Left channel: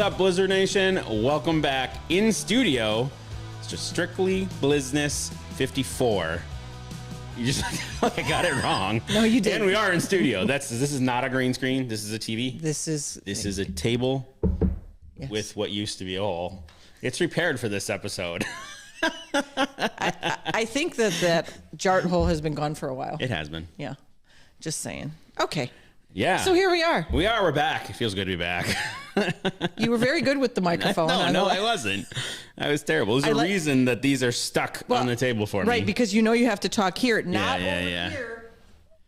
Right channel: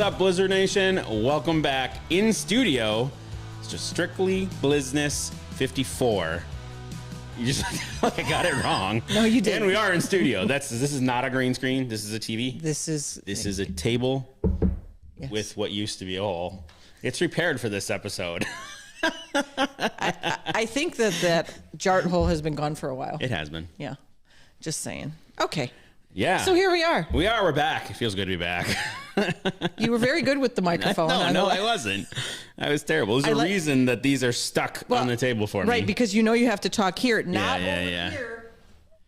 What's up, Blizzard Nation? Welcome back in studio. It's just strictly Blizzness 54. You just like I got it wrong. No, you did. And we are in studio. This is not a green screen. This is a TV. This is a table yes. with what used to be a hole. It's repaired for this episode. I think that jart hole has been gone for a while. It has been. Yeah. Just saying. Okay. Yeah. So here we are. We're back. It feels good to be back. You were very good with the microphone. No, I wasn't. I was terrible. There's a reason that these are stuck on the table for me. Right, because you know you have to talk here, not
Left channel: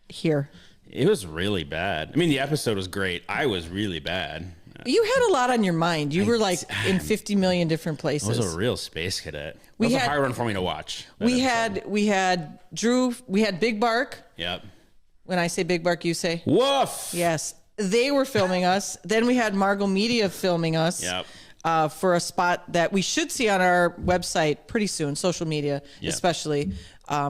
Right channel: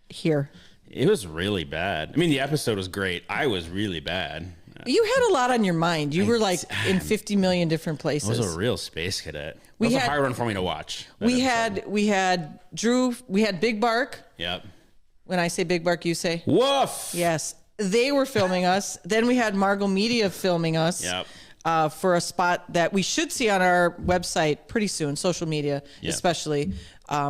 here. It was really bad. I mean, the episode was great. I was really bad. You had a lot on your mind. You were like in 50 million different places. I was a real space cadet. It was a hard one for me to watch. We had Drew, we had Big Bark. Yep. When I say Big Bark, you say woof. Yes. They were filming us. Then we had Margot Media filming us. Yep. For a spot that we should see on our website pretty soon, social media especially,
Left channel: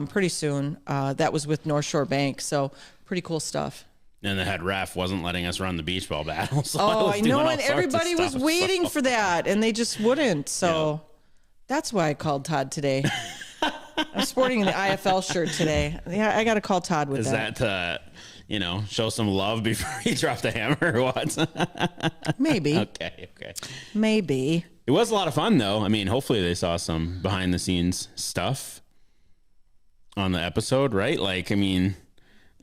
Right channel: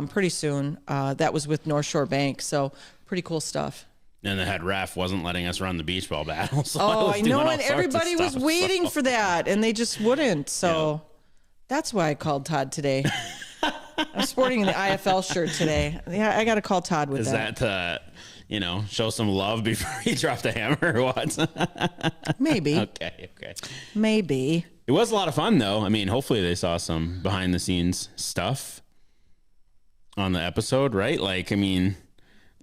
pretty soon. That was with North Shore Bank, so pretty cool stuff. And the head ref wasn't letting us run the beach ball battle. So I know, and everybody was waiting for that, and they just wouldn't. So that's why I called Todd today. I'm sporting an IFL shirt today. Yeah, I got to call Todd with that. Is that to, show some love before he dropped the hammer or what? Maybe. Okay. Maybe. It was a lot of fun, though. I mean, hopefully they saw some behind-the-scenes stuff on the episode, right? Like, I mean,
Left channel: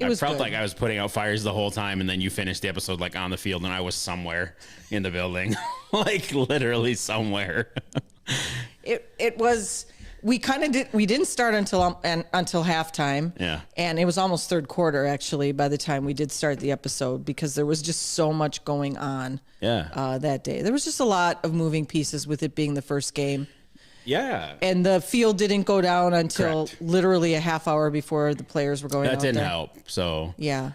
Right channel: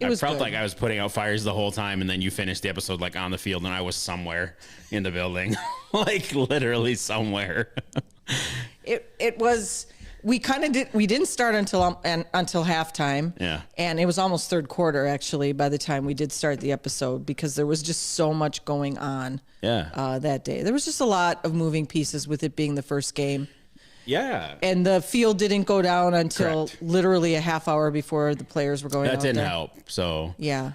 I felt like I was putting out fires the whole time, and then you finished the episode, like, on the field, and I was somewhere in the building. Like, literally somewhere. It was... We didn't start until halftime. Yeah. And it was almost third quarter, actually, by the time we did start the episode, because there was just so much going on that day. There was just a lot of moving pieces with it being the first game. Yeah. And the field didn't go down until literally a half hour before the players were going out. That didn't help. So yeah.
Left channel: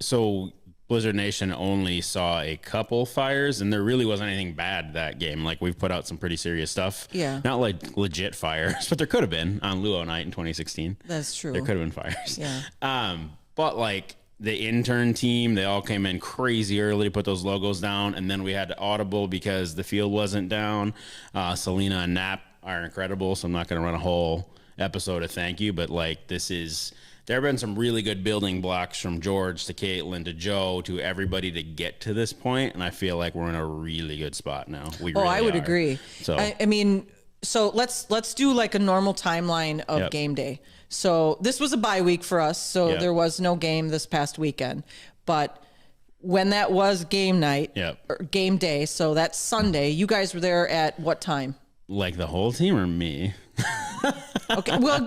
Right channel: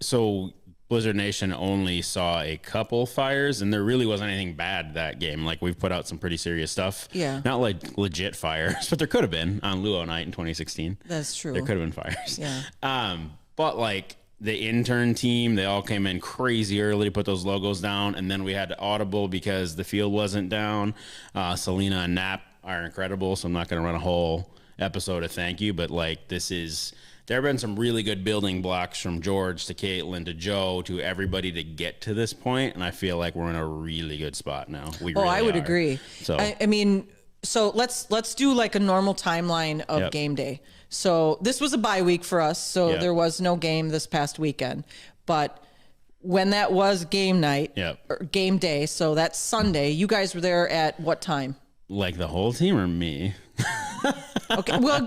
So Blizzard Nation only saw a couple fires, and there really wasn't anything bad that game. Like, we've put out some pretty serious stuff. Yeah. Not like legit fires, but there could have been on Luo Night in 2016. That's true. There could have been fires. Yeah. But like the intern team, they all came in crazy early to put those logos down, and then we had to audible because the field wasn't down. Selena and Knapp are incredible, so I'm not going to run a whole episode of thank you, but like there have been some really good building blocks from George to Caitlin to Joe to everybody to get to this point, and I feel like we're in a really good spot now. I would agree. So I mean, so let's do like a normal timeline of game day. So this was a bye week for us, so there was no game this past weekend. But when that was game night, or game day, so that's Sunday, you guys were there at what time? Like the whole team or me? Okay, well,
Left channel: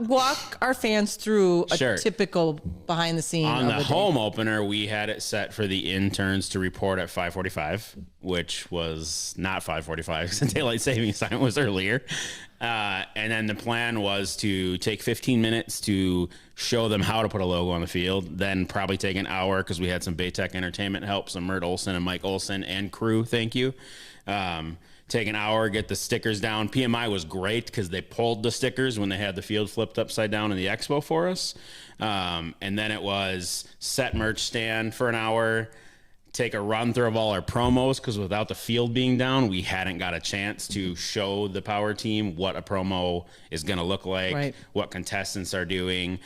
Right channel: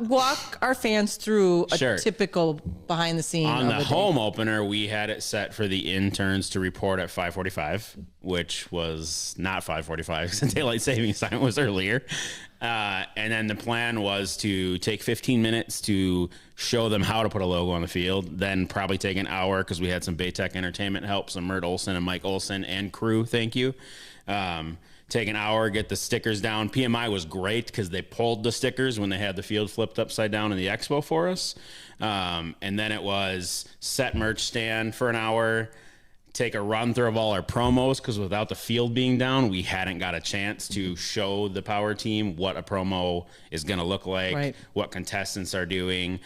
walk our fans through a typical behind the scenes. On the home opener, we had it set for the interns to report at 5:45, which was not 5:45 because the daylight savings time was earlier. And then the plan was to take 15 minutes to show them how to put a logo on the field, then probably take an hour because we had some Baytech Entertainment help, some Mert Olson and Mike Olson and crew. Thank you. Take an hour, get the stickers down. PMI was great because they pulled the stickers when they had the field flipped upside down in the expo for us. And then it was set merch stand for an hour, take a run through of all our promos because without the field being down, we hadn't got a chance to show the power team what a promo is going to look like, what contestants are doing.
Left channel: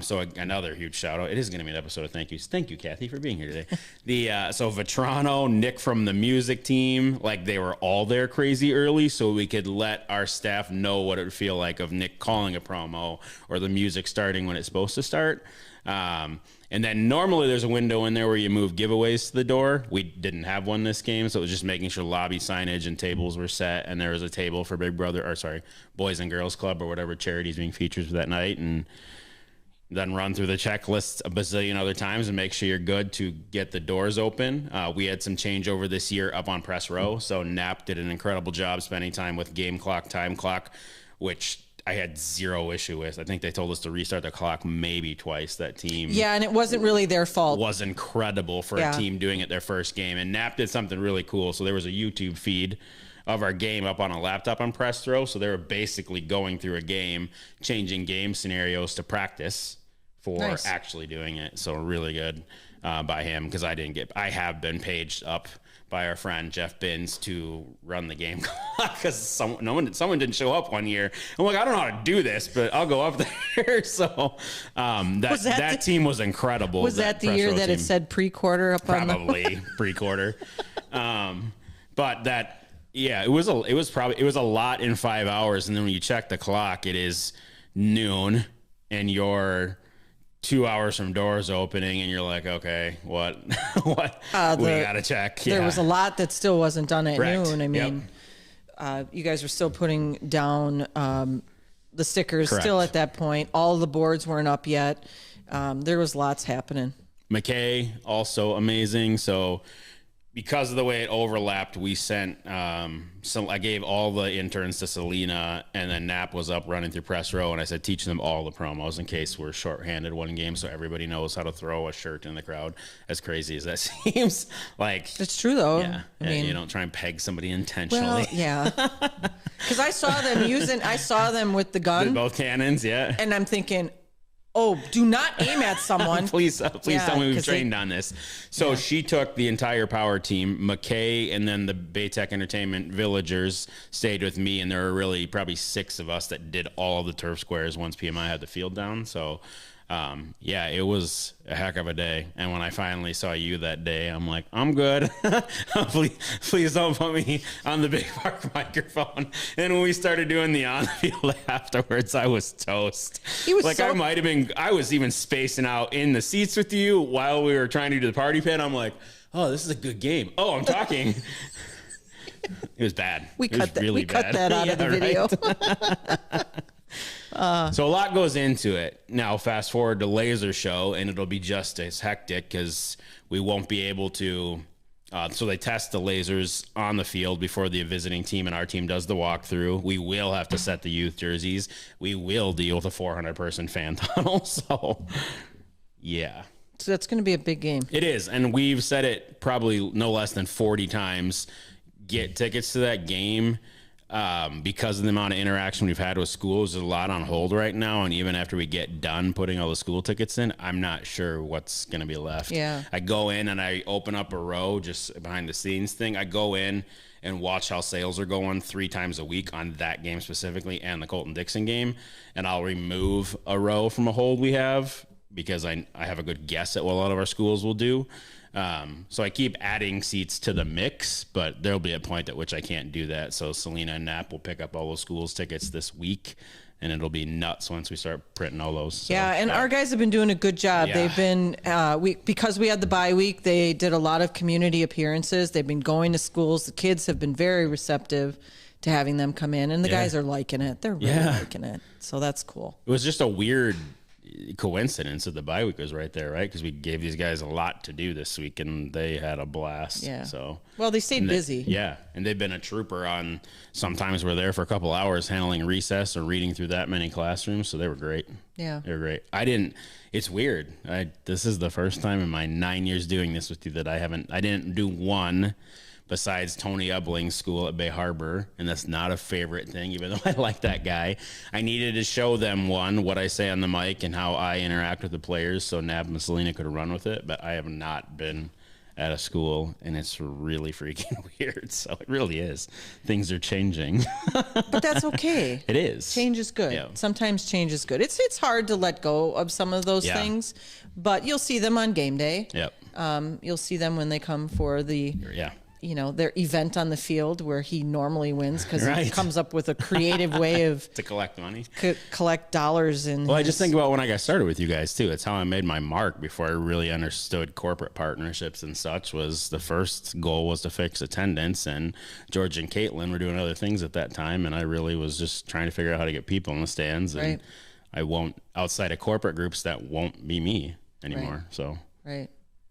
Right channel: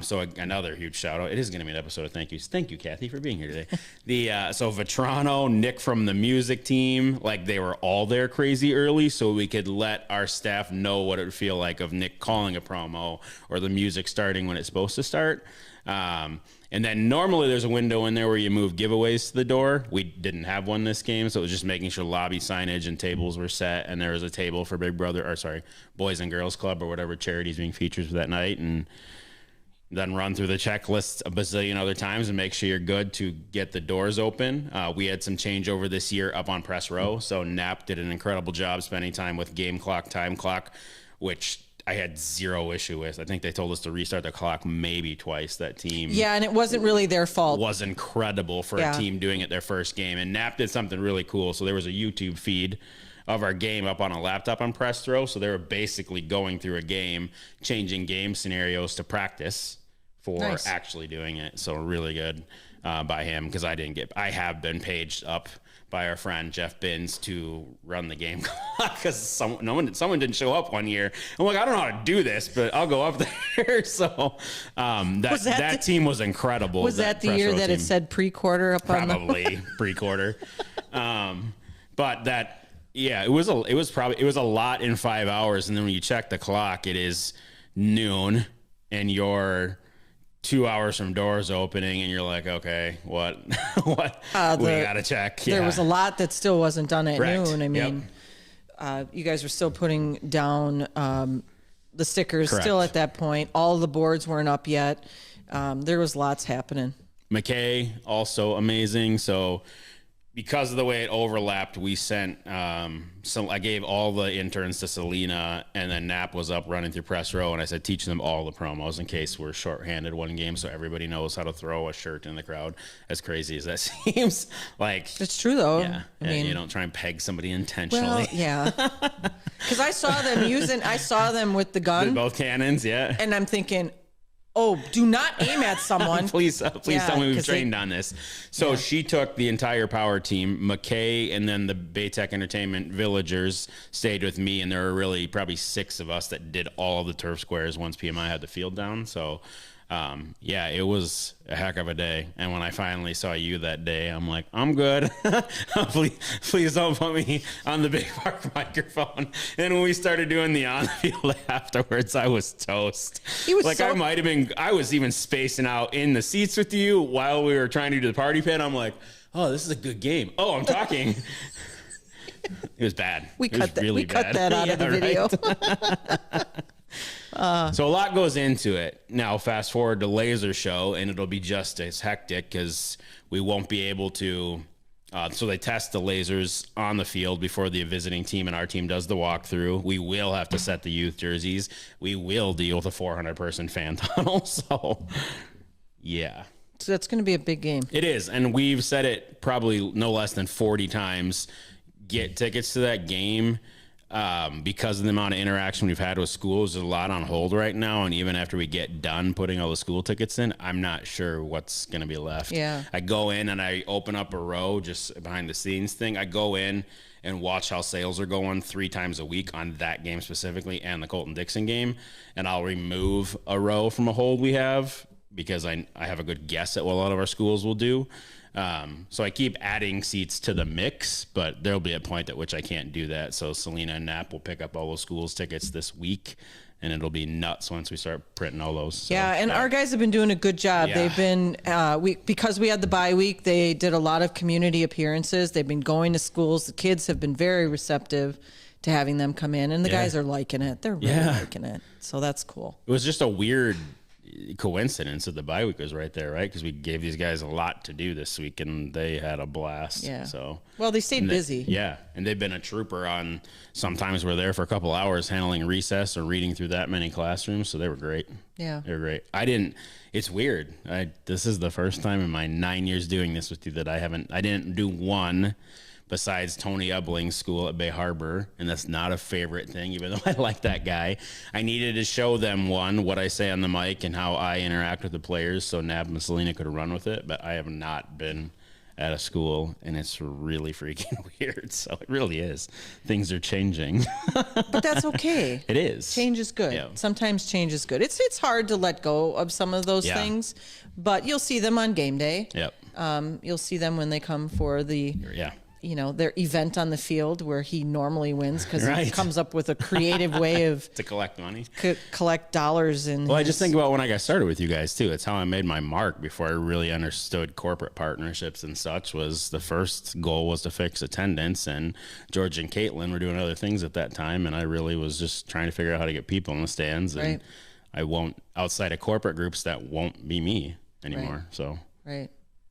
So another huge shout out. It is going to be an episode of thank yous. Thank you, Kathy, for being here today. So Vetrano, Nick from the music team, like they were all there crazy early so we could let our staff know what it would feel like of Nick calling a promo or the music starting when it's supposed to start. And then normally there's a window in there where you move giveaways to the door. We didn't have one this game, so it was just making sure lobby signage and tables were set, and there was a table for Boys and Girls Club or whatever charities being featured for that night, and then run through the checklist a bazillion other times and make sure you're good to get the doors open. We had some changeover this year up on press row, so Knapp did an incredible job spending time with game clock, time clock, which I had zero issue with. I think they told us to restart the clock maybe twice, that team. Yeah, and it wasn't really their fault. It was incredible for a team doing it their first game. And Knapp did something really cool. So there was a YouTube feed of our game up on a laptop on press throw. So they were basically going through a game, changing game scenarios to practice for actually doing it. So really good by him because I have been paged up by our friend Jeff Binns to run the game because someone didn't show up one year. I'm like, I don't know how to do this, but I'll go up there. So that team was incredible. Was that the year that it said pre-quarter up on probably pre-quarter? But that, yeah, it was a lot in 5 hours, and then when you check the clock, it is noon, and you're 2 hours from doors opening, and you're like, okay, what we gotta check. There was a lot that still wasn't done at noon. I mean, yep. You guys were still putting down the stickers. Correct. Still at that point, all of the boards weren't up yet. There was lots happening. McKay also amazing. So because of the way it overlapped, we sent I gave all the interns to Selena, and then Knapp was up running through press row, and I said, teach them all the promos in case we're shorthanded one game, so everybody knows how to throw a shirt in the crowd. As crazy as that seems, like it's true though. Yeah, I mean, you don't try and peg somebody intentionally. Well, yeah, because I saw them with the gun, with both cannons, yeah, and I'm thinking, oh, do not aim at someone. please tell me we've trained on this. So she took the entire power team. McKay and then the Baytech Entertainment Villagers stayed with me, and there were really probably 6 of us that did all the turf squares once PMI had the field down. So, yeah, it was a heck of a day. And when I finally saw you that day, I'm like, I'm good. please don't put me on the big park microphone. And when we started doing the on the field afterwards, I was toast. I was even spacing out in the seats with you while we were trying to do the party pin. I'm like, oh, this is a good game. Oh, I'm talking. It was bad. We cut that out of the video. Right? So a lot goes into it. Now, fast forward to Laser Show, and it'll be just as hectic because we won't be able to. So they test the lasers on the field before the visiting team and our team does the walkthrough. We will have to set the youth jerseys. We will deal with a 400-person fan tunnel. So, yeah. So that's going to be a big game. It is, and we've said it probably no less than 40 times. Get tickets to that game. Because of the amount of interaction we've had with schools, there's a lot on hold right now. And even after we get done putting all the school tickets in, I'm not sure what's going to be left. Yeah. I go in and I open up a row, just behind the scenes thing. I go in and watch how sales are going 3 times a week on that game specifically and the Colton-Dixon game. And I'll remove a row from a hold we have because I have a good guess at what a lot of our schools will do. So I keep adding seats to the mix, but there'll be a point at which I can't do that. So Selena and Knapp will pick up all those schools tickets this week, and it'll be nuts once we start printing all those. So, yeah, and our guys have been doing a good job. Yeah. They've been because we had the bye week, they did a lot of community appearances. They've been going to schools. The kids have been very receptive to having them come in, and the guys are liking it. They're really liking it. So that's cool. It was just a weird coincidence that the bye week was right there, right? Because we gave these guys a lot to do this week, and they had a blast. Yeah. So well, they stayed busy. Yeah, and they've been a trooper on. Sometimes we're there for a couple hours handling recess or reading through that many classrooms. So they were great. Yeah, they were great. It's weird. This is the first time in my 9 years doing this with you that I didn't do one. Besides Tony Ubling's school at Bay Harbor, and that's not a favorite thing, even though I like that guy. I needed to show them, what I say on the mic and how I interact with the players, so Nab and Selena could run with it, but I have not been at a school, and it's really freaking weird, so it really is. Things are changing. But that's okay. It is. Change is good. Yeah. Sometimes change is good. It's hard to let go of some of those things, but you'll see them on game day. Yep. You'll see them when they come for the... their event on the field where he normally wins because he comes up with a creative way of to collect money, collect dollars. I just think about when I got started with you guys too. It's how I made my mark before I really understood corporate partnerships and such. Was the first goal was to fix attendance, and George and Caitlin were doing other things at that time, and I really was just trying to figure out how to get people in the stands. And I won't outside of corporate groups that won't be me anymore. So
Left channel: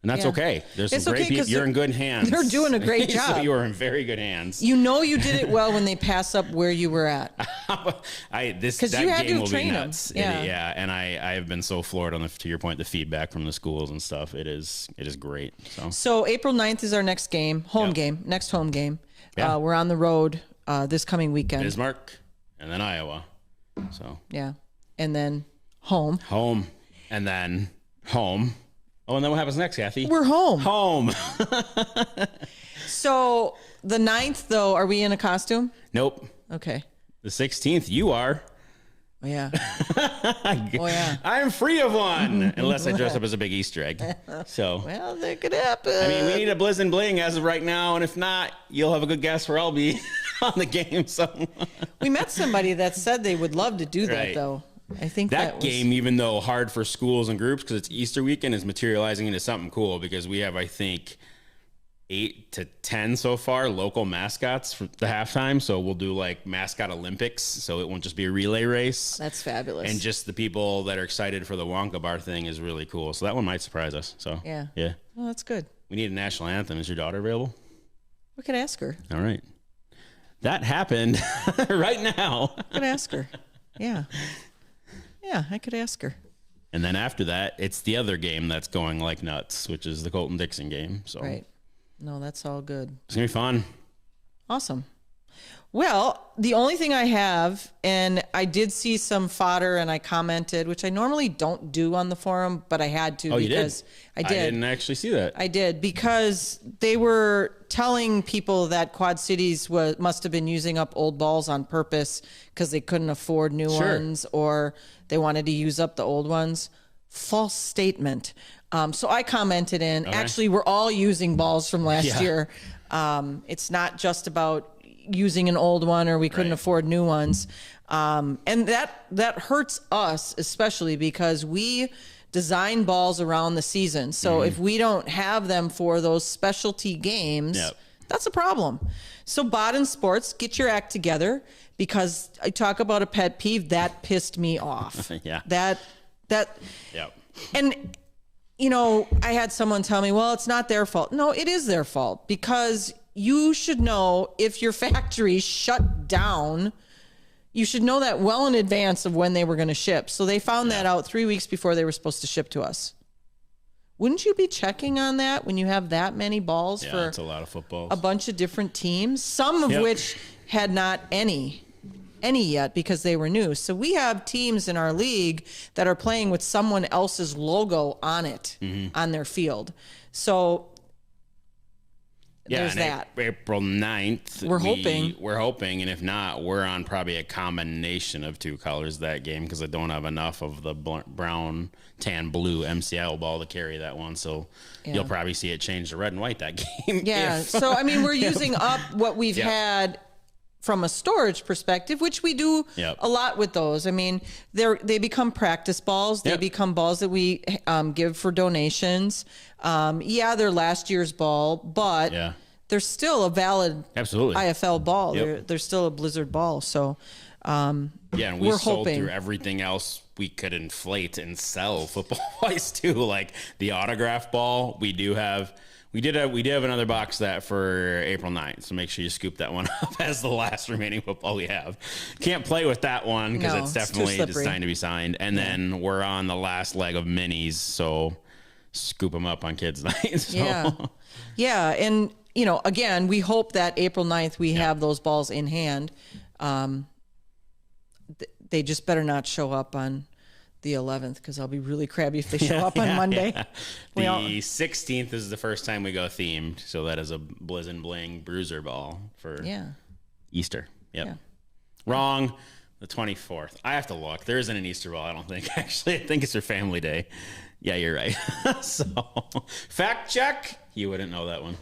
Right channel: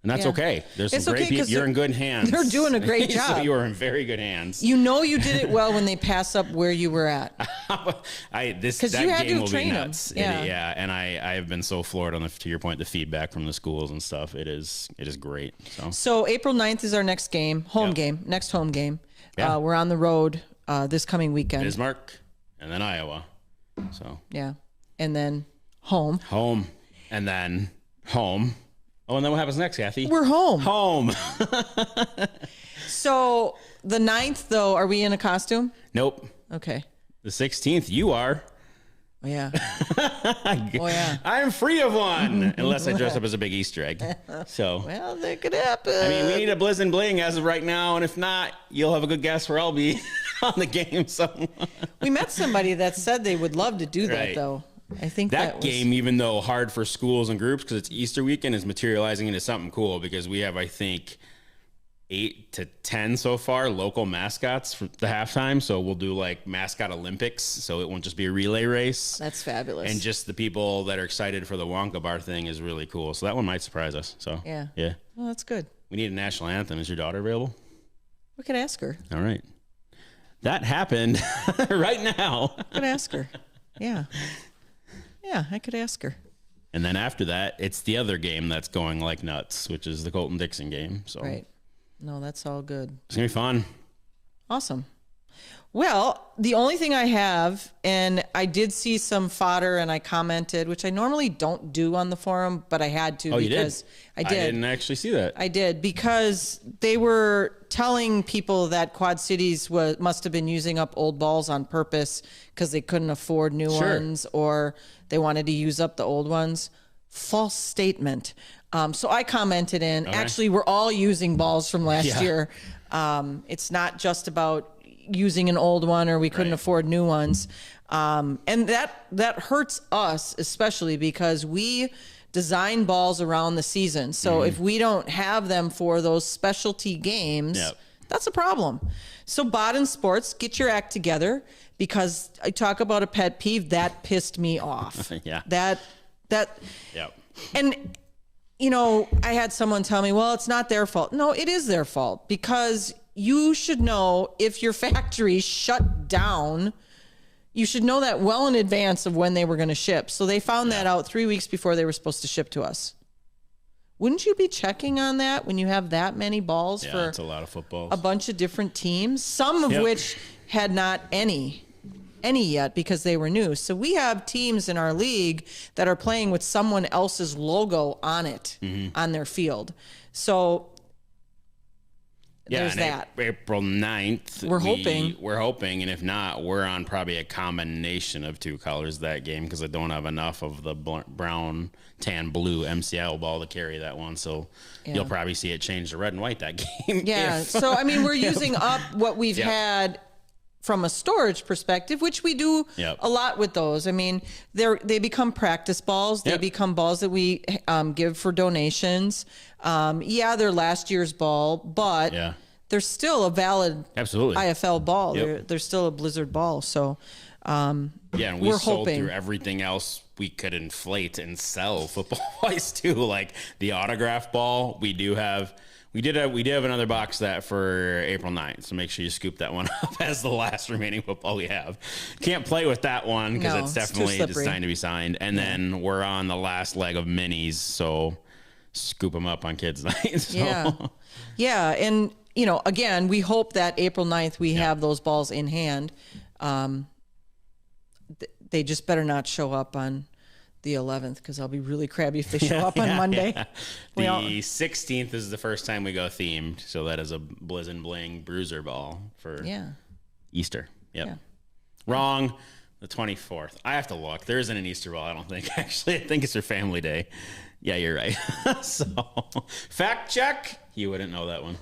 And that's okay. There's some great people. You're in good hands. They're doing a great job. You are in very good hands. You know you did it well when they pass up where you were at. That game will be nuts. Yeah, and I have been so floored on to your point, the feedback from the schools and stuff. It is great. So April 9th is our next game, next home game. Yeah. We're on the road this coming weekend. Bismarck and then Iowa. So and then home, and then home. Oh, and then what happens next, Kathy? We're home. Home. So the 9th, though, are we in a costume? Nope. Okay. The 16th, you are. Yeah. I'm free of one, unless I dress up as a big Easter egg. So, well, that could happen. I mean, we need a Blizz and Bling as of right now, and if not, you'll have a good guess where I'll be on the game. So, we met somebody that said they would love to do that, though. I think that game, even though hard for schools and groups because it's Easter weekend, is materializing into something cool because we have, I think, 8 to 10 so far local mascots for the halftime. So we'll do like mascot Olympics. So it won't just be a relay race. That's fabulous. And just the people that are excited for the Wonka Bar thing is really cool. So that one might surprise us. So yeah. Well, that's good. We need a national anthem. Is your daughter available? We could ask her. All right. That happened right now. I could ask her. Yeah. Yeah, I could ask her. And then after that, it's the other game that's going like nuts, which is the Colton-Dixon game. So right. No, that's all good. It's going to be fun. Awesome. Well, the only thing I have, and I did see some fodder and I commented, which I normally don't do on the forum, but I had to. Oh, you did? I did. I didn't actually see that. I did because they were telling people that Quad Cities must have been using up old balls on purpose because they couldn't afford new ones or they wanted to use up the old ones. False statement. So I commented in, actually, we're all using balls from last year. It's not just about using an old one or we couldn't afford new ones. And that hurts us, especially because we design balls around the season. So if we don't have them for those specialty games, that's a problem. So Baden Sports, get your act together because I talk about a pet peeve that pissed me off. And you know, I had someone tell me, well, it's not their fault. No, it is their fault because you should know if your factory shut down, you should know that well in advance of when they were going to ship. So they found that out 3 weeks before they were supposed to ship to us. Wouldn't you be checking on that when you have that many balls for that's a lot of footballs, a bunch of different teams, some of which had not any yet because they were new. So we have teams in our league that are playing with someone else's logo on it on their field. So there's that. April 9th. We're hoping, and if not, we're on probably a combination of two colors that game because I don't have enough of the brown, tan, blue MCL ball to carry that one. So you'll probably see it change to red and white that game. Yeah. So, I mean, we're using up what we've had from a storage perspective, which we do a lot with those. I mean, they become practice balls. They become balls that we give for donations. They're last year's ball, but they're still a valid IFL ball. They're still a Blizzard ball. So, and we're sold through everything else we could inflate and sell football-wise too, like the autograph ball. We do have another box that for April 9th, so make sure you scoop that one up as the last remaining football we have. Can't play with that one because it's definitely just time to be signed. And then we're on the last leg of minis, so scoop them up on kids' night. So. Yeah, and you know, again, we hope that April 9th we have those balls in hand. They just better not show up on the 11th because I'll be really crabby if they show up on Monday. The 16th is the first time we go themed, so that is a Blizz and Bling bruiser ball for Easter. Wrong. The 24th. I have to look. There isn't an Easter ball, I don't think. Actually, I think it's their family day. Yeah, you're right. So, fact check. You wouldn't know that one.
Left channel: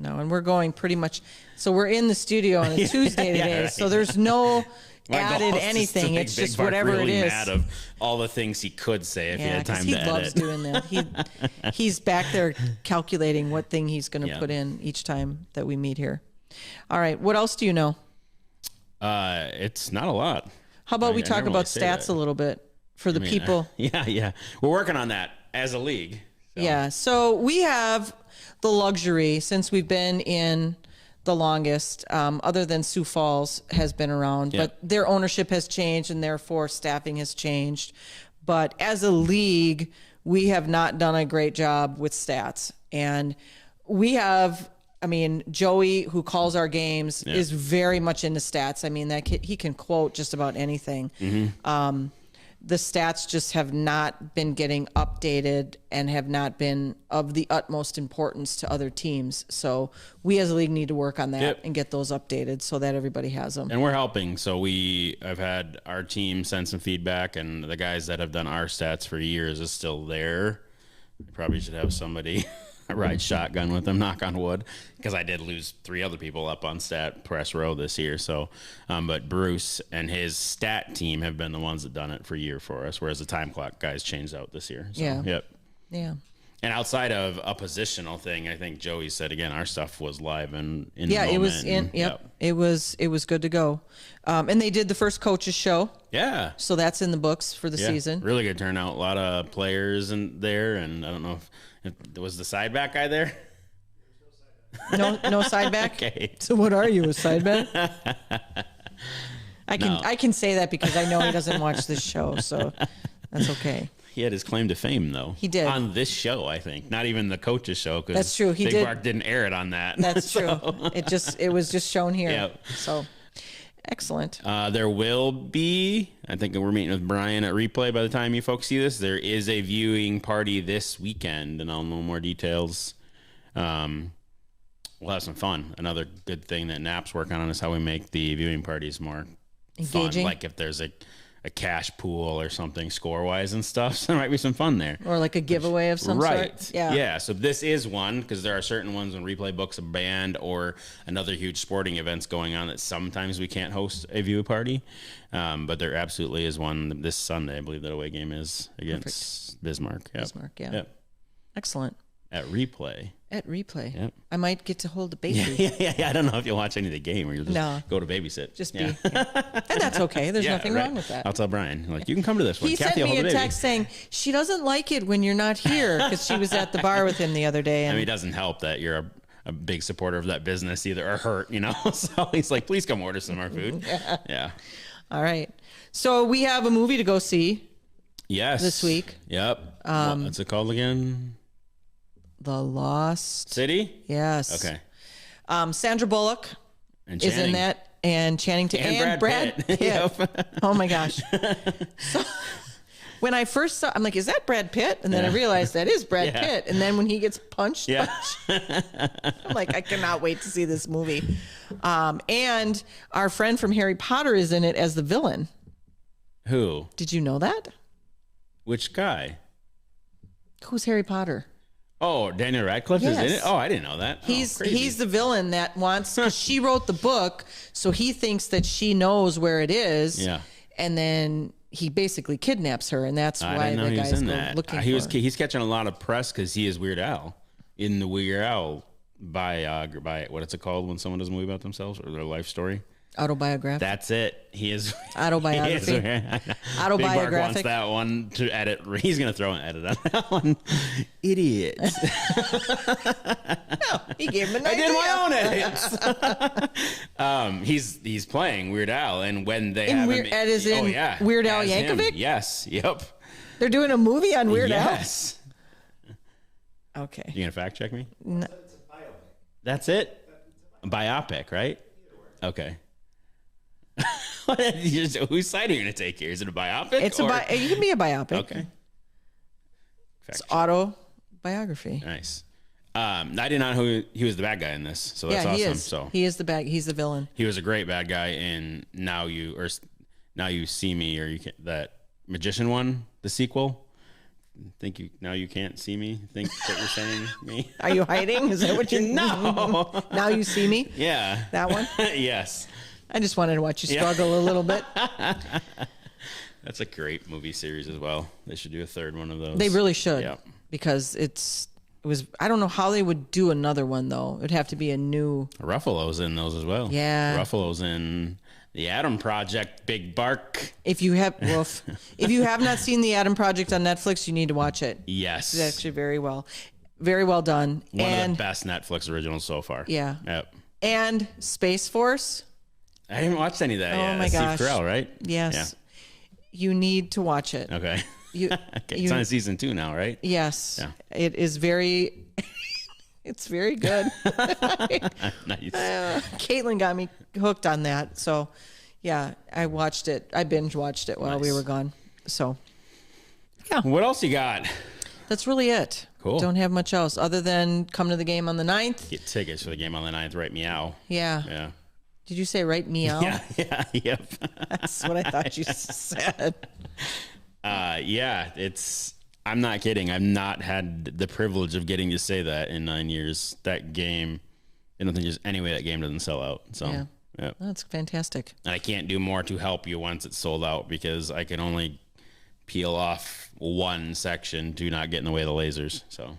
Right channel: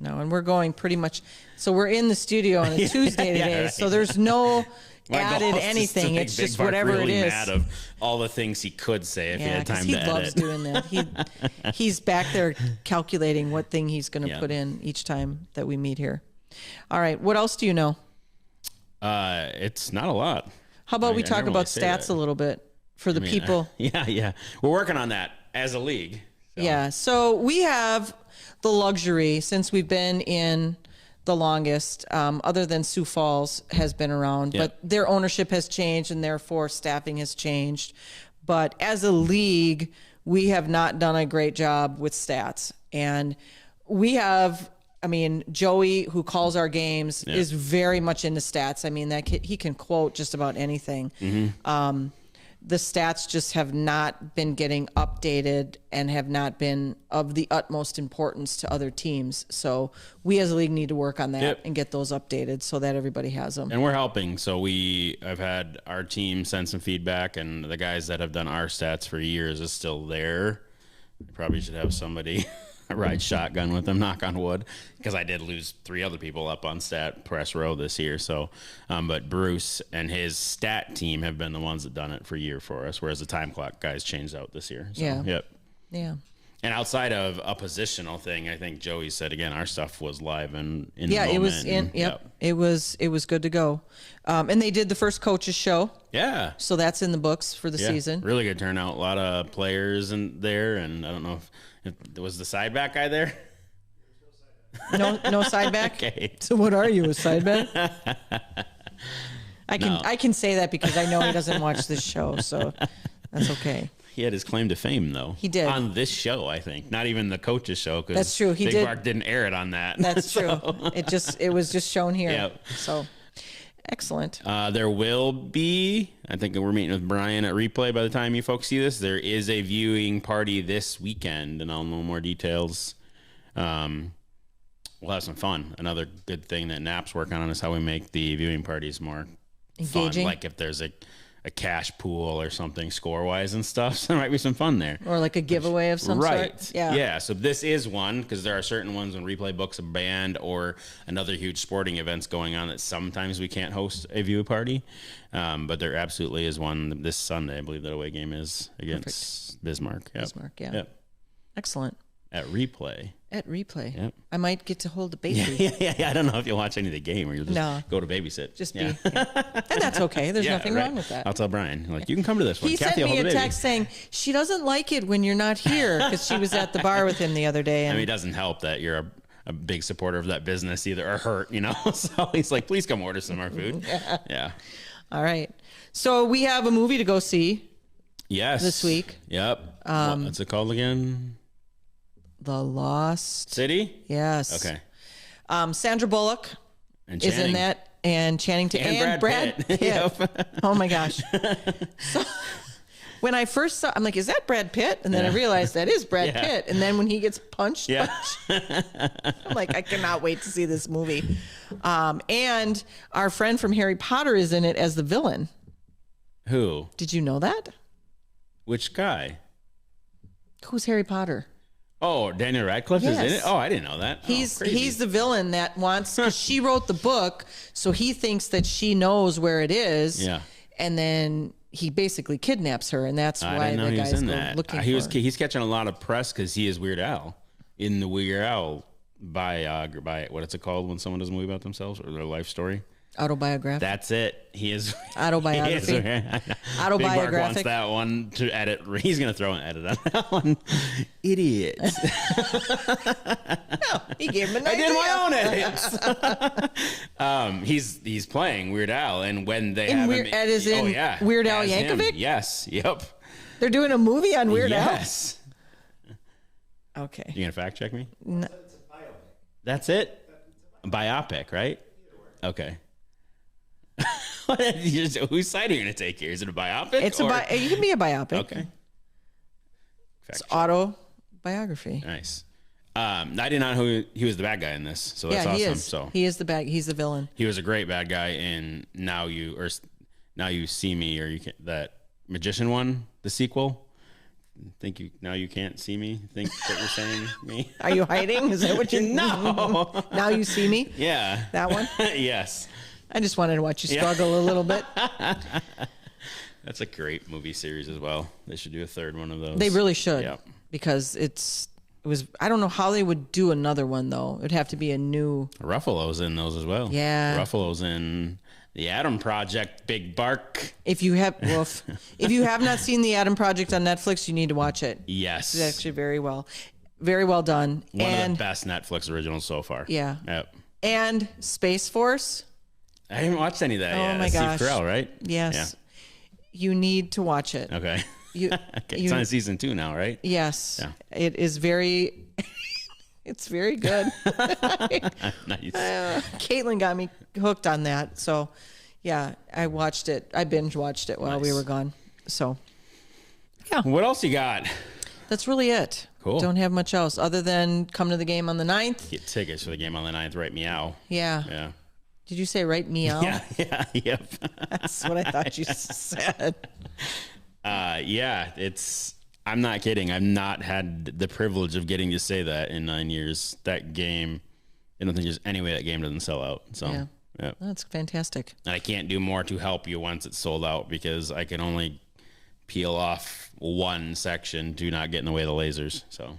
No, and we're going pretty much. So we're in the studio on Tuesday today. So there's no added anything. It's just whatever really it is. Mad of all the things he could say if he had time to edit. He loves doing that. He's back there calculating what thing he's going to put in each time that we meet here. All right, what else do you know? It's not a lot. How about we talk about stats a little bit for the people? Yeah. We're working on that as a league. So. Yeah, so we have the luxury since we've been in the longest, other than Sioux Falls has been around, but their ownership has changed and therefore staffing has changed. But as a league, we have not done a great job with stats. And we have, I mean, Joey, who calls our games, is very much into stats. I mean, he can quote just about anything. the stats just have not been getting updated and have not been of the utmost importance to other teams. So we as a league need to work on that and get those updated so that everybody has them. And we're helping. So we have had our team send some feedback, and the guys that have done our stats for years is still there. We probably should have somebody ride shotgun with them, knock on wood, because I did lose 3 other people up on stat press row this year. So, but Bruce and his stat team have been the ones that done it for a year for us, whereas the time clock guys changed out this year. So, Yeah. And outside of a positional thing, I think Joey said again, our stuff was live and in. Yeah, the it was moment. It was good to go. And they did the first coaches show. Yeah. So that's in the books for the season. Really good turnout. A lot of players in there, and I don't know if there was the side back guy there. No side back. Okay. So what are you, a side back? I can say that because I know he doesn't watch this show, so that's okay. He had his claim to fame, though. He did. On this show, I think. Not even the coach's show. That's true. He Big did. Mark didn't air it on that. That's true. It was just shown here. Yep. So excellent. There will be, I think we're meeting with Brian at Replay by the time you folks see this. There is a viewing party this weekend, and I'll know more details. We'll have some fun. Another good thing that Nap's working on is how we make the viewing parties more engaging. Fun. Like if there's a cash pool or something score-wise and stuff, so there might be some fun there. Or like a giveaway of some sort. Yeah, so this is one, because there are certain ones when Replay books a band or another huge sporting events going on that sometimes we can't host a view party. But there absolutely is one this Sunday. I believe that away game is against Bismarck. Yep. Bismarck, yeah. Yep. Excellent. At Replay. Yep. I might get to hold the baby. Yeah. I don't know if you'll watch any of the game or you'll just go to babysit. Just be. Yeah. And that's okay. There's nothing wrong with that. I'll tell Brian. Like, you can come to this one. He sent me a text saying she doesn't like it when you're not here because she was at the bar with him the other day. And I mean, it doesn't help that you're a big supporter of that business either, or hurt, So he's like, please come order some of our food. Yeah. All right. So we have a movie to go see. Yes. This week. Yep. What's it called again? The Lost City? Yes. Okay. Sandra Bullock and is in that, and Channing Tatum and Brad Pitt. Yep. Oh my gosh. So when I first saw, I'm like, is that Brad Pitt? And then I realized that is Brad Pitt. And then when he gets punched, I'm like, I cannot wait to see this movie. And our friend from Harry Potter is in it as the villain. Who? Did you know that? Which guy? Who's Harry Potter? Oh, Daniel Radcliffe is in it? Oh, I didn't know that. He's the villain that wants, because she wrote the book, so he thinks that she knows where it is. Yeah. And then he basically kidnaps her, and that's why the guys go looking for her. He's catching a lot of press because he is Weird Al in the Weird Al what is it called when someone does a movie about themselves or their life story? Autobiographic. That's it. He is autobiography. Autobiographic. Big Mark wants that one to edit. He's going to throw an edit on that one. Idiots. No, he gave him an idea. I did my own edits. He's playing Weird Al, and when they have him, Weird Al Yankovic. Yes. Yep. They're doing a movie on Weird Al. Yes. Okay. You gonna fact check me? No. That's it. A biopic, right? Okay. Whose side are you going to take here? Is it a biopic? It can be a biopic. Okay. It's autobiography. Nice. I didn't know who he was the bad guy in this, so that's awesome. He is. So he is he's the villain. He was a great bad guy in Now You See Me, or that magician one, the sequel. Now you can't see me. Think what you're saying me. Are you hiding? Is that what you? No. Now You See Me. Yeah. That one. Yes. I just wanted to watch you struggle a little bit. That's a great movie series as well. They should do a third one of those. They really should. Yeah. Because it was. I don't know how they would do another one though. It'd have to be a new. Ruffalo's in those as well. Yeah. Ruffalo's in The Adam Project. Big Bark. If you have not seen The Adam Project on Netflix, you need to watch it. Yes. It's actually very well done. One of the best Netflix originals so far. Yeah. Yep. And Space Force. I haven't watched any of that yet. Oh my gosh. Steve Carell, right? Yes. Yeah. You need to watch it. Okay. It's on season 2 now, right? Yes. Yeah. It is very. It's very good. Nice. Caitlin got me hooked on that. So, yeah, I watched it. I binge watched it while we were gone. So, yeah. What else you got? That's really it. Cool. Don't have much else other than come to the game on the 9th. Get tickets for the game on the 9th, right? Meow. Yeah. Yeah. Did you say right meow? Yeah. Yep. That's what I thought you said. Yeah, I'm not kidding. I've not had the privilege of getting to say that in 9 years. That game, I don't think there's any way that game doesn't sell out. So, yeah. That's fantastic. And I can't do more to help you once it's sold out because I can only peel off one section. Do not get in the way of the lasers. So,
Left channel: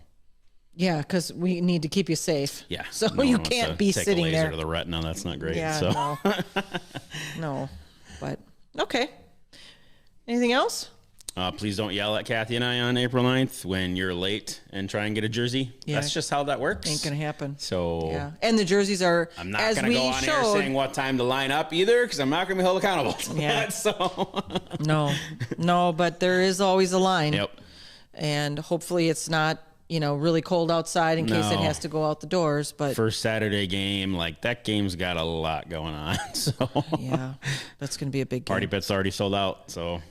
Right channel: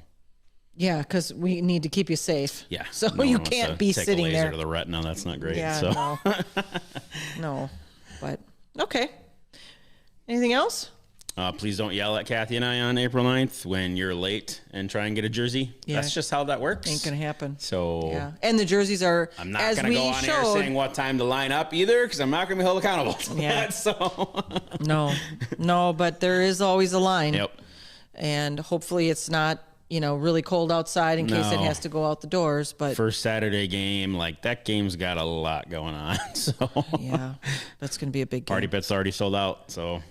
yeah, because we need to keep you safe. Yeah. So you can't be sitting laser there to the retina. That's not great. Yeah, so. no. But okay. Anything else? Please don't yell at Kathy and I on April 9th when you're late and try and get a jersey. Yeah. That's just how that works. Ain't gonna happen. So yeah, and the jerseys are. I'm not gonna go on air saying what time to line up either because I'm not gonna be held accountable. Yeah. So no, but there is always a line. Yep. And hopefully it's not really cold outside in case it has to go out the doors. But first Saturday game, like that game's got a lot going on. So yeah, that's gonna be a big game. Party Pit's already sold out. So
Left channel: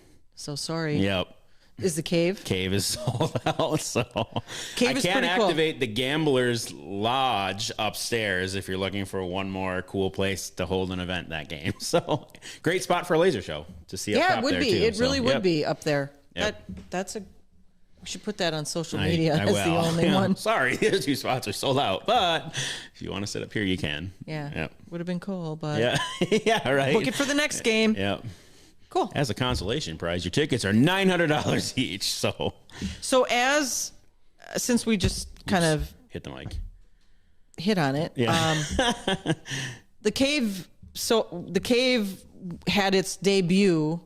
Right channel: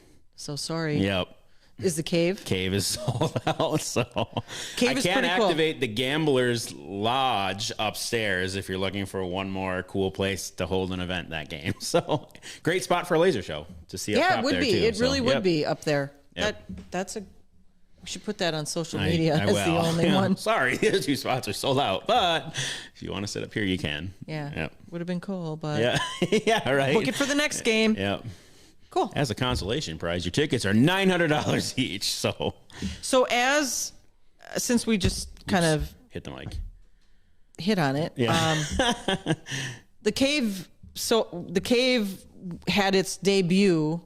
sorry. Yep. Is the cave? Cave is sold out, so cave I can't activate the Gamblers Lodge upstairs if you're looking for one more cool place to hold an event that game. So great spot for a laser show to see up top it would there be. too. It really would be up there. Yep. We should put that on social media as the will. only one. Sorry, the two spots are sold out, but if you want to sit up here, you can. Yeah. Yep. Would have been cool, but yeah, right. Book it for the next game. Yep. Cool. As a consolation prize, your tickets are $900 each. So since we just kind of hit the mic, hit on it. Yeah. The cave had its debut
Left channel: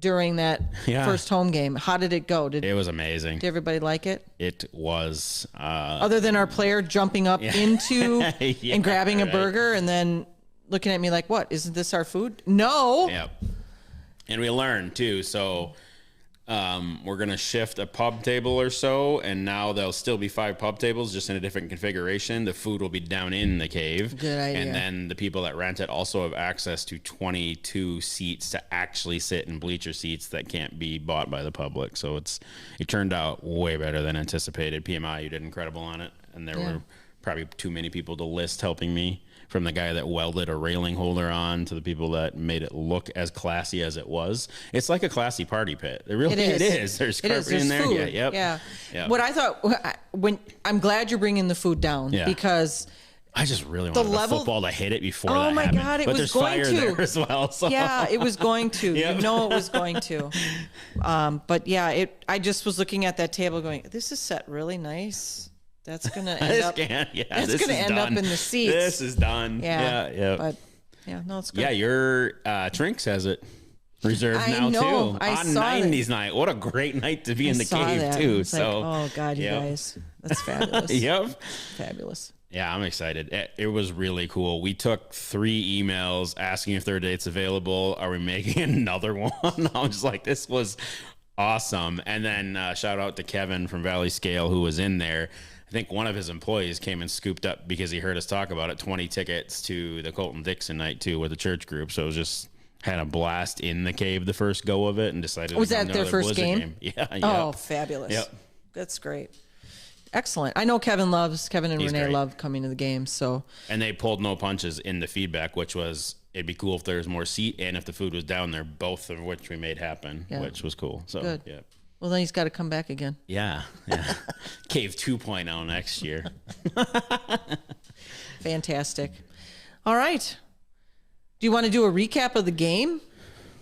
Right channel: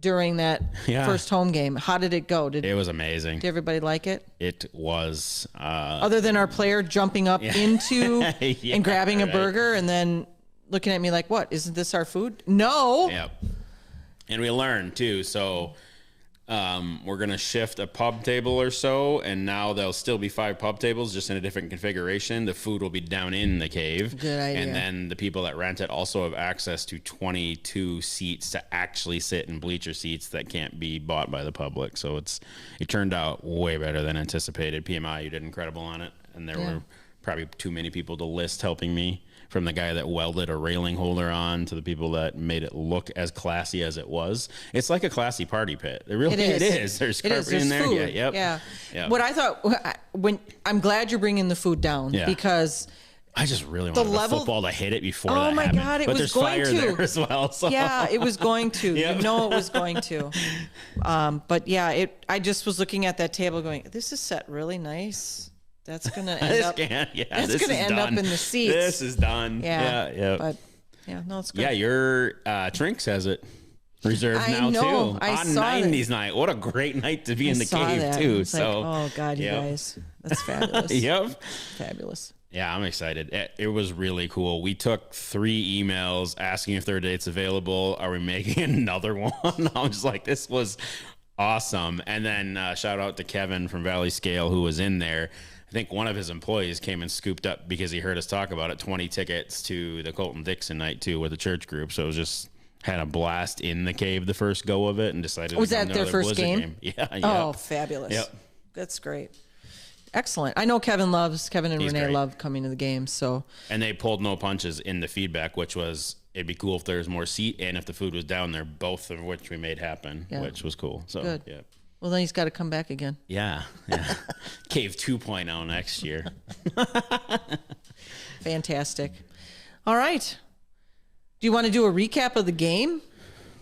during that first home game. How did it go? It was amazing. Did everybody like it? It was. Other than our player jumping up into and grabbing a burger and then looking at me like, "What? Isn't this our food?" No. Yeah. And we learned too. So we're gonna shift a pub table or so, and now there'll still be 5 pub tables, just in a different configuration. The food will be down in the cave. Good idea. And then the people that rent it also have access to 22 seats to actually sit in bleacher seats that can't be bought by the public. So it turned out way better than anticipated. PMI, you did incredible on it, and there were probably too many people to list helping me. From the guy that welded a railing holder on to the people that made it look as classy as it was. It's like a classy party pit. It is. There's carpet in there. Food. Yeah. What I thought, I'm glad you're bringing the food down because I just really wanted the football to hit it before that happened. Oh my God, it was going to. There as well, so. Yeah, it was going to. You know it was going to. But yeah, I just was looking at that table going, this is set really nice. That's gonna end up. That's gonna end up in the seats. This is done. Yeah. But no, it's good. Yeah, your Trinks has it reserved now too. I on saw 90s night. What a great night to be in the cave too. It's so, oh God, you guys, that's fabulous. Yep, fabulous. Yeah, I'm excited. It was really cool. We took 3 emails asking if their date's available. Are we making another one? I was just like, this was awesome. And then shout out to Kevin from Valley Scale who was in there. I think one of his employees came and scooped up because he heard us talk about it. 20 tickets to the Colton Dixon night too with the church group. So it was just had a blast in the cave the first go of it and decided. Was that their first game? Yeah. Oh, fabulous. Yep. That's great. Excellent. I know Kevin and He's Renee great. love coming to the game. So. And they pulled no punches in the feedback, which was it'd be cool if there's more seat and if the food was down there, both of which we made happen, which was cool. So good. Yeah. Well, then he's got to come back again. Yeah. Cave 2.0 next year. Fantastic. All right. Do you want to do a recap of the game?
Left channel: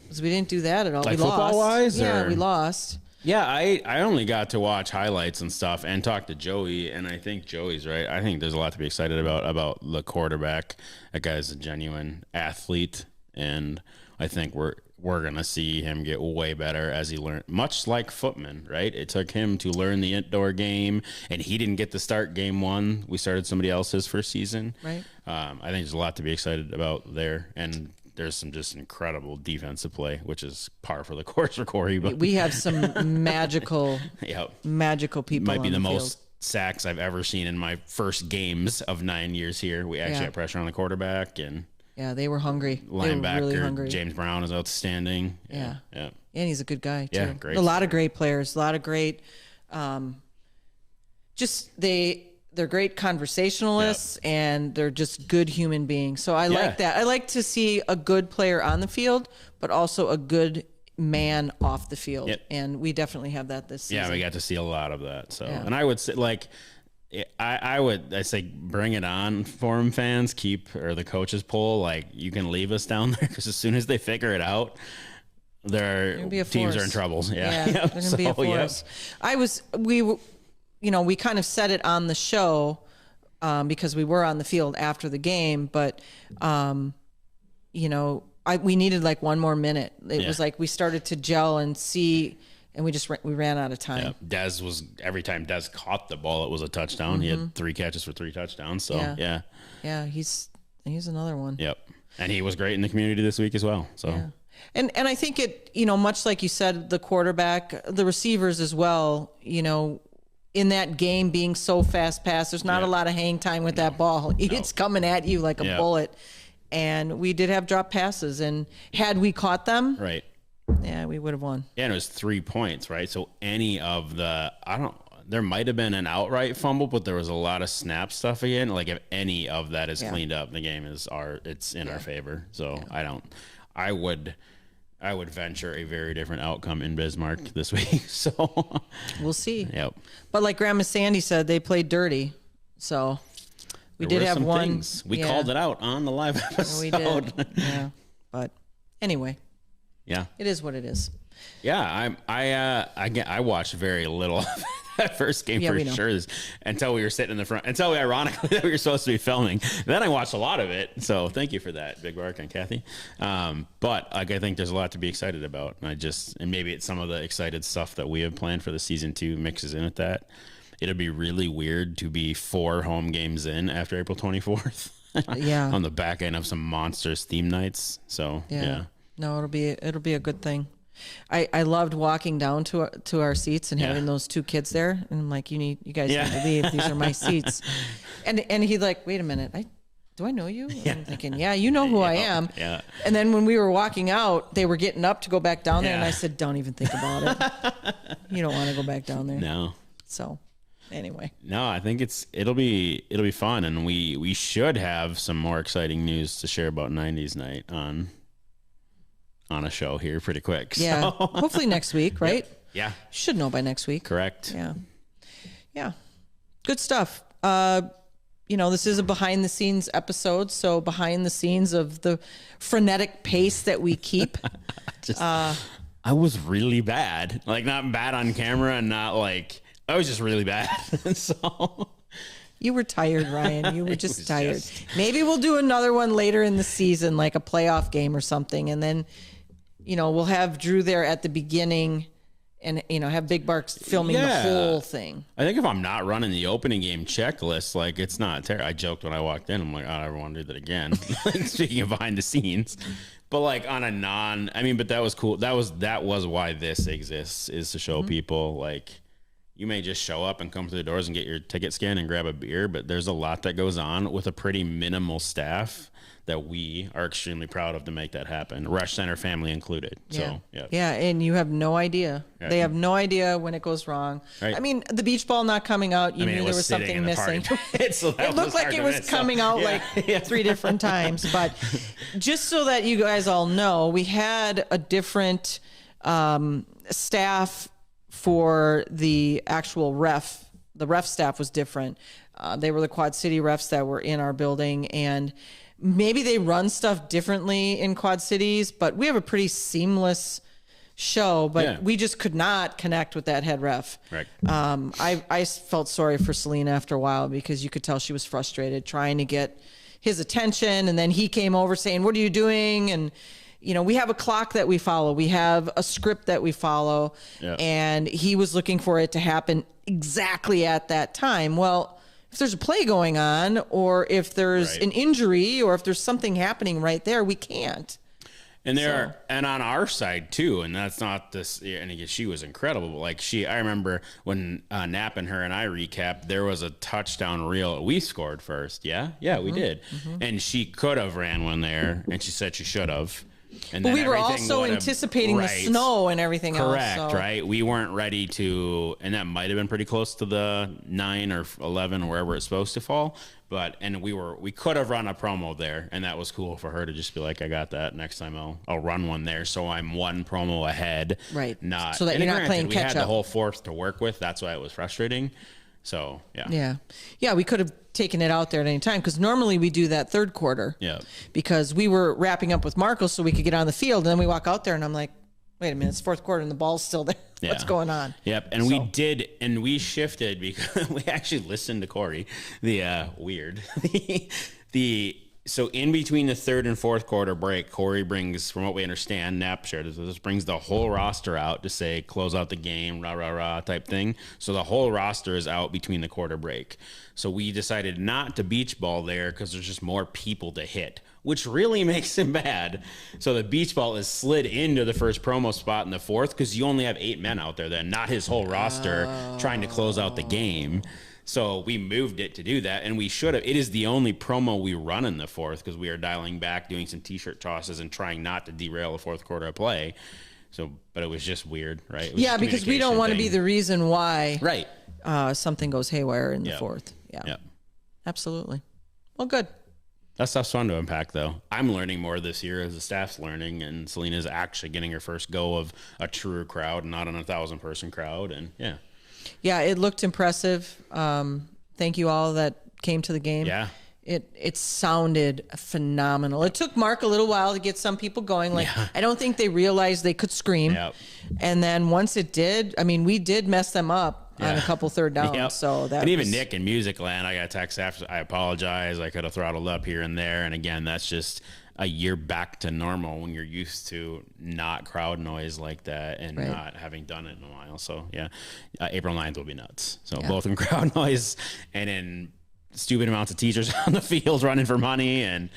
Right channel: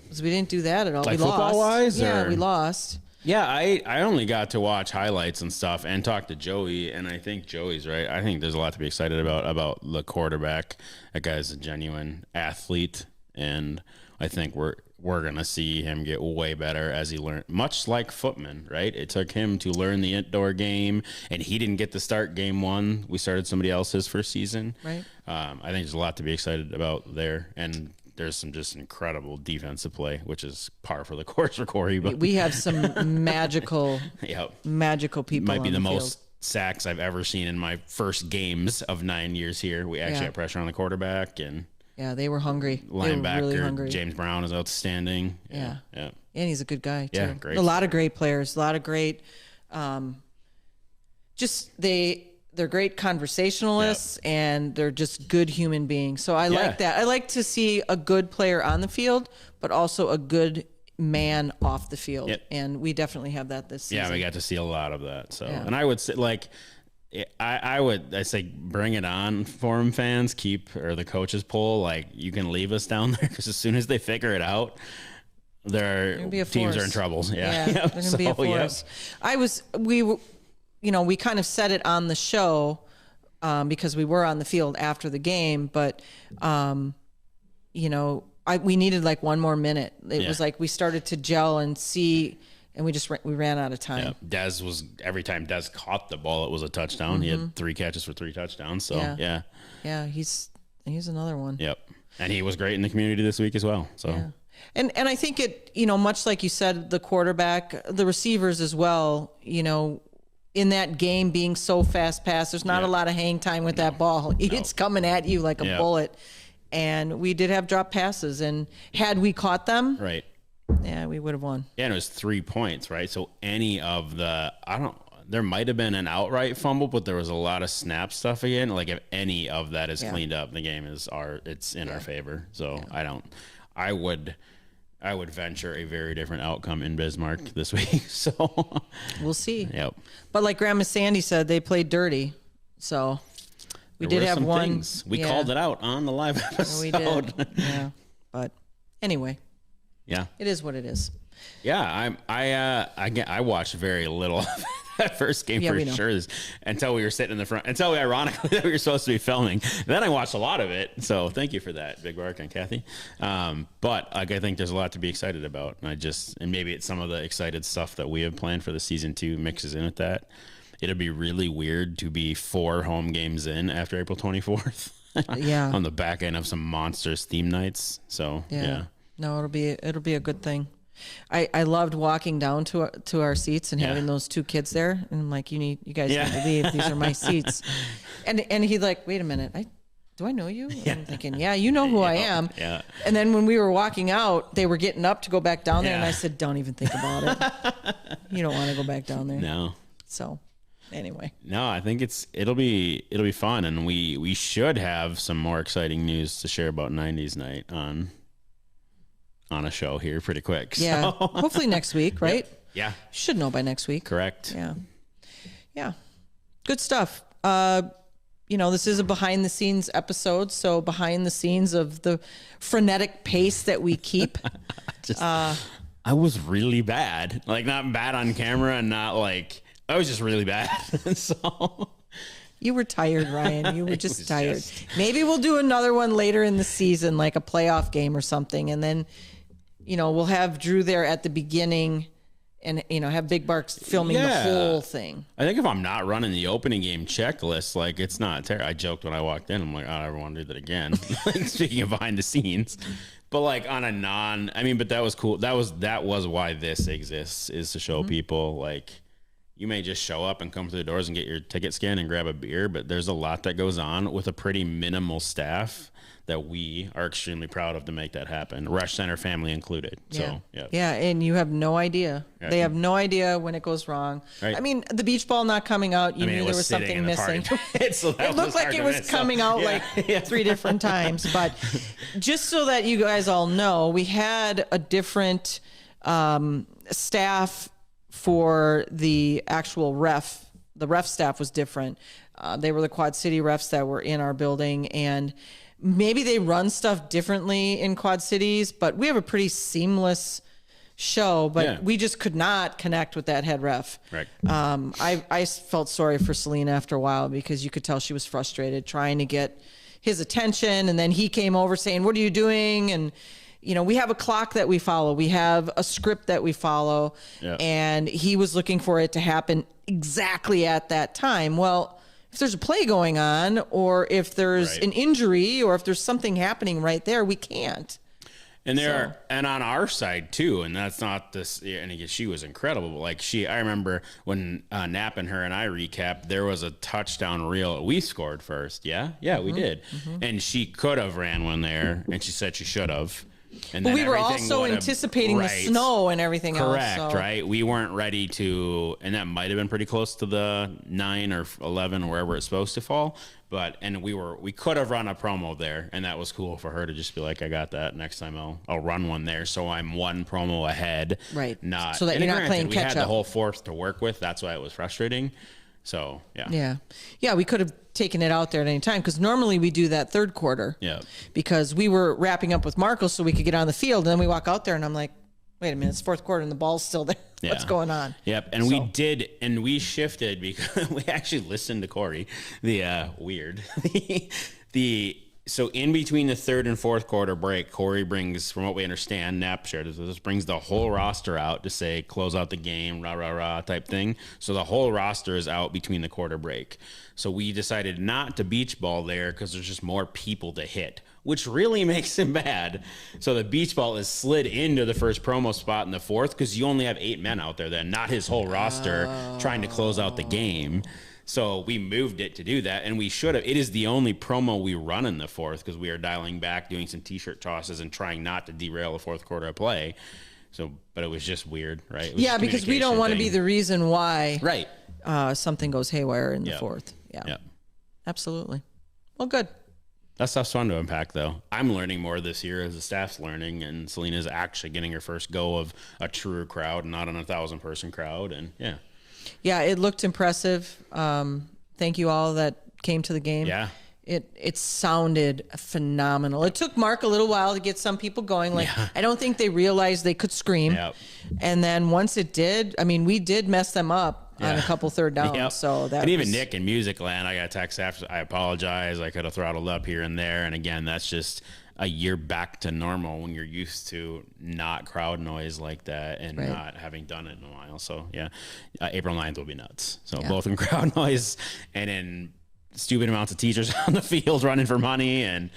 Because we didn't do that at all. Like we lost. football-wise? Yeah, we lost. Yeah, I only got to watch highlights and stuff and talk to Joey, and I think Joey's right. I think there's a lot to be excited about the quarterback. That guy's a genuine athlete, and I think we're going to see him get way better as he learned, much like Footman, right? It took him to learn the indoor game, and he didn't get to start game 1. We started somebody else's first season. Right. I think there's a lot to be excited about there, and there's some just incredible defensive play, which is par for the course for Corey. But we have some magical people. Might be the field. most sacks I've ever seen in my first games of 9 years here. We actually had pressure on the quarterback, and Yeah, they were hungry. Linebacker really hungry. James Brown is outstanding. Yeah. Yeah. And he's a good guy, too. Yeah, great. A lot of great players, a lot of great they're great conversationalists, and they're just good human beings. So I like that. I like to see a good player on the field, but also a good man off the field. Yep. And we definitely have that this season. Yeah, we got to see a lot of that. So, and I would say, like, I say bring it on, Forum fans, or the coaches poll. Like, you can leave us down there, because as soon as they figure it out, their teams are in trouble. Yeah, they're going to be a force. We kind of said it on the show because we were on the field after the game, but we needed like one more minute. It was like we started to gel and see, and we ran out of time. Yeah. Every time Dez caught the ball, it was a touchdown. He had 3 catches for 3 touchdowns. So yeah, he's another one. Yep, and he was great in the community this week as well. So. Yeah. And I think it, much like you said, the quarterback, the receivers as well, in that game being so fast paced, there's not a lot of hang time with that ball. It's coming at you like a bullet. And we did have drop passes, and had we caught them, right? Yeah, we would have won. Yeah, and it was 3 points, right? So any of there might have been an outright fumble, but there was a lot of snap stuff again. Like, if any of that is cleaned up, the game it's in our favor. So I would venture a very different outcome in Bismarck this week. So we'll see. Yep. But like Grandma Sandy said, they played dirty. So we did have one. Things. We called it out on the live episode. We did. Yeah. But anyway. Yeah. It is what it is. Yeah, I watched very little of that first game for sure, until we were sitting in the front, until ironically that we were supposed to be filming. Then I watched a lot of it, so thank you for that, Big Mark and Kathy. But I think there's a lot to be excited about. And maybe it's some of the excited stuff that we have planned for the season 2 mixes in with that. It'll be really weird to be 4 home games in after April 24th. On the back end of some monstrous theme nights. So no, it'll be a good thing. I loved walking down to our seats and having those 2 kids there, and I'm like, you guys need to leave. These are my seats. And he's like, wait a minute, do I know you? And I'm thinking, you know who I am. Yeah. And then when we were walking out, they were getting up to go back down there, and I said, don't even think about it. You don't want to go back down there. No. So anyway. No, I think it'll be fun, and we should have some more exciting news to share about 90s night on a show here pretty quick. So. Yeah. Hopefully next week, right? Yeah. Should know by next week. Correct. Yeah. Yeah. Good stuff. This is a behind the scenes episode, so behind the scenes of the frenetic pace that we keep. I was really bad. Like, not bad on camera, and not like, I was just really bad. So you were tired, Ryan. You were just tired. Maybe we'll do another one later in the season, like a playoff game or something, and then we'll have Drew there at the beginning, and have Big Barks filming the whole thing. I think if I'm not running the opening game checklist, like, it's not terrible. I joked when I walked in. I'm like, I don't want to do that again. Speaking of behind the scenes, but like on a but that was cool. That was why this exists, is to show people, like, you may just show up and come through the doors and get your ticket scan and grab a beer, but there's a lot that goes on with a pretty minimal staff that we are extremely proud of to make that happen. Rush Center family included. So, yeah, and you have no idea. Right. They have no idea when it goes wrong. Right. I mean, the beach ball not coming out, you knew there was something missing. So it looked like it was coming out 3 different times. But just so that you guys all know, we had a different staff for the actual ref. The ref staff was different. They were the Quad City refs that were in our building, and maybe they run stuff differently in Quad Cities, but we have a pretty seamless show, but we just could not connect with that head ref. Right. I felt sorry for Selena after a while, because you could tell she was frustrated trying to get his attention, and then he came over saying, what are you doing? And we have a clock that we follow. We have a script that we follow, and he was looking for it to happen exactly at that time. Well, if there's a play going on, or if there's an injury, or if there's something happening right there, we can't. And and on our side too, and that's not this. And again, she was incredible. Like I remember when Knapp and her and I recapped, there was a touchdown reel we scored first. Yeah, we did. And she could have ran one there, and she said she should have. And but we were also anticipating the snow and everything else. Correct, right? We weren't ready to, and that might have been pretty close to the 9 or 11 or wherever it's supposed to fall. And we could have run a promo there, and that was cool for her to just be like, I got that. Next time I'll run one there, so I'm one promo ahead. Right. Not so that you're not playing catch up. We had the whole fourth to work with. That's why it was frustrating. So, yeah. Yeah, we could have taken it out there at any time because normally we do that third quarter. Yeah. Because we were wrapping up with Marco so we could get on the field, and then we walk out there, and I'm like, wait a minute, it's fourth quarter, and the ball's still there. Yeah. What's going on? Yep, and we did, and we shifted because we actually listened to Corey. So in between the third and fourth quarter break, Corey brings, from what we understand, Knapp shared this, brings the whole roster out to say, close out the game, rah, rah, rah type thing. So the whole roster is out between the quarter break. So we decided not to beach ball there because there's just more people to hit, which really makes it bad. So the beach ball is slid into the first promo spot in the fourth because you only have 8 men out there then, not his whole roster trying to close out the game. So we moved it to do that, and we should have. It is the only promo we run in the fourth because we are dialing back, doing some T-shirt tosses, and trying not to derail the fourth quarter of play. So, but it was just weird, right? Yeah, because we don't want to be the reason why right something goes haywire in the fourth. Yeah, absolutely. Well, good. That stuff's fun to unpack, though. I'm learning more this year as the staff's learning, and Selena's actually getting her first go of a true crowd, not an 1,000-person crowd, and Yeah, it looked impressive. Thank you all that came to the game. Yeah. It sounded phenomenal. It took Mark a little while to get some people going. I don't think they realized they could scream. Yep. And then once it did, I mean, we did mess them up on a couple third downs. Yep. So that and even Nick in Music Land, I got a text after, I apologize. I could have throttled up here and there. And again, that's just a year back to normal when you're used to not crowd noise like that and not having done it in a while. So April 9th will be nuts. So both in crowd noise and in stupid amounts of teachers on the field running for money. And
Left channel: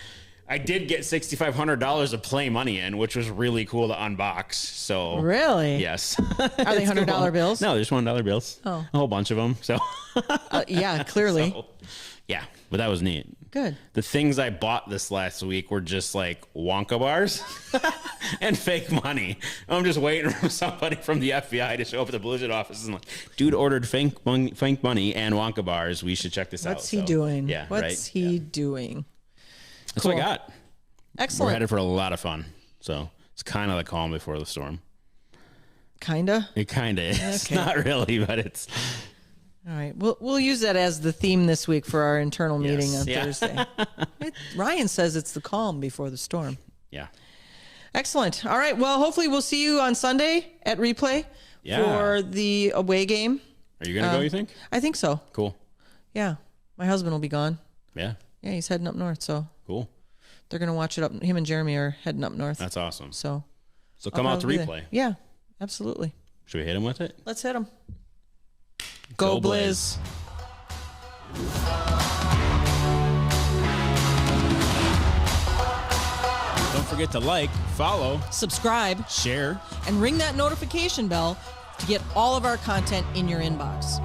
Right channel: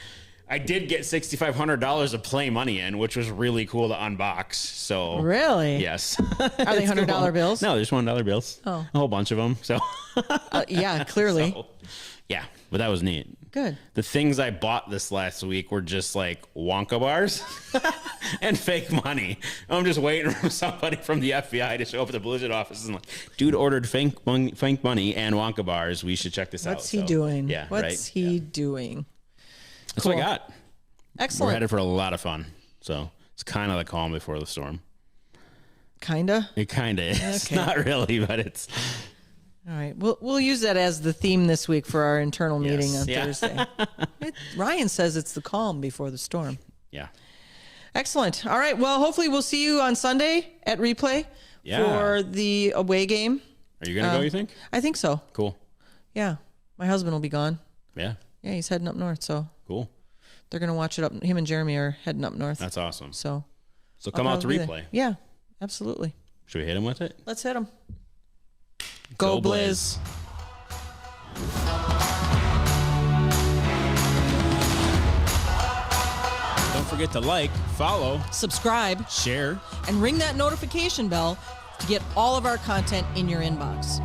I did get $6,500 of play money in, which was really cool to unbox. So really, yes. Are they $100 bills? No, there's $1 bills. Oh, a whole bunch of them. So yeah, clearly. So, yeah, but that was neat. Good. The things I bought this last week were just like Wonka bars and fake money. I'm just waiting for somebody from the FBI to show up at the Blizzard office and like, dude ordered fake money and Wonka bars. We should check this out. What's he doing? Yeah, What's he doing? That's what I got. Excellent. We're headed for a lot of fun. So it's kind of the calm before the storm. Kinda? It kind of is. Okay. Not really, but it's... All right, we'll use that as the theme this week for our internal meeting on Thursday. Ryan says it's the calm before the storm. Yeah. Excellent. All right, well, hopefully we'll see you on Sunday at Replay for the away game. Are you going to go, you think? I think so. Cool. Yeah. My husband will be gone. Yeah. Yeah, he's heading up north, so. Cool. They're going to watch it up. Him and Jeremy are heading up north. That's awesome. So come out to Replay. Yeah, absolutely. Should we hit him with it? Let's hit him. Go Blizz. Don't forget to like, follow, subscribe, share, and ring that notification bell to get all of our content in your inbox.